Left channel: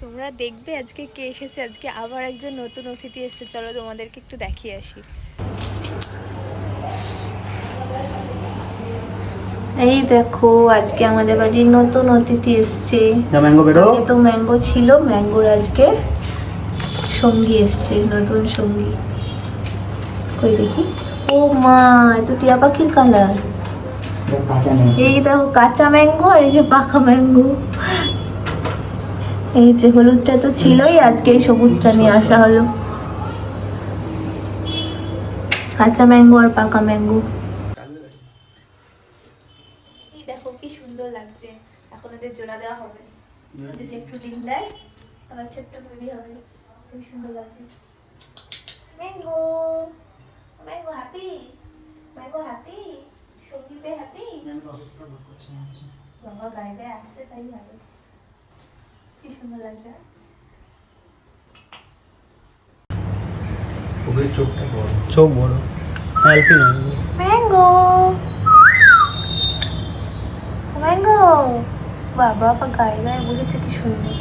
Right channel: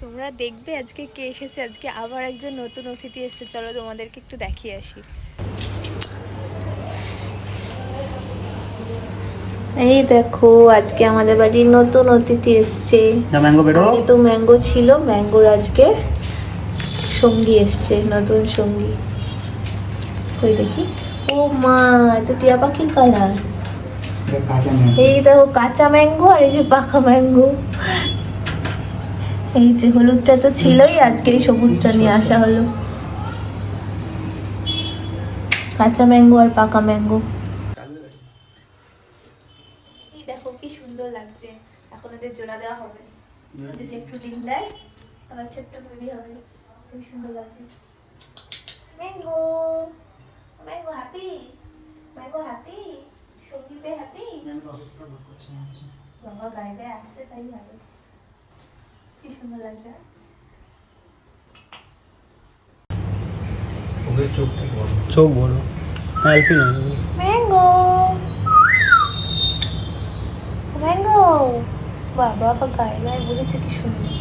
তোমরা দেখবে আজকে কে এসেছে। আজকে আবার একজন নতুন অতিথি এসেছে, চলো তোমাদেরকে একটু দেখিয়ে আসি। এই দেখো আজকে আমাদের বাড়ির নতুন অতিথি এসছে। তো ম্যাঙ্গো ছিল, ম্যাঙ্গোর আজকে সঙ্গী এসছে, নতুন সঙ্গী। ওই দেখি, ও মা এটা টিয়া পাখির কালার। এই দেখো কাঁচা ম্যাঙ্গো আর এই যে পাকা ম্যাঙ্গো। এই যে হলুদটা তো ছিলই, আজকে এই সবুজটা নিয়ে আসা হলো। কাঁচা ম্যাঙ্গো আর পাকা ম্যাঙ্গো। এই দেখো কি সুন্দর লাগছে। এখন এদের জোড়া দেওয়া হবে, যদি একটু ডিম দেয় আবার ছোট্ট বেবি হবে। খুব সুন্দর লাগছে। Mango, mango happy, mango happy, সঙ্গীতে হ্যাপি। বাবা গায়ে গায়ে আসছে তাই ভালো। কি সুন্দর লাগছে। চোখ বড়। ম্যাঙ্গো, ম্যাঙ্গো, বাবা গায়ে গায়ে বলেছে কি সুন্দর।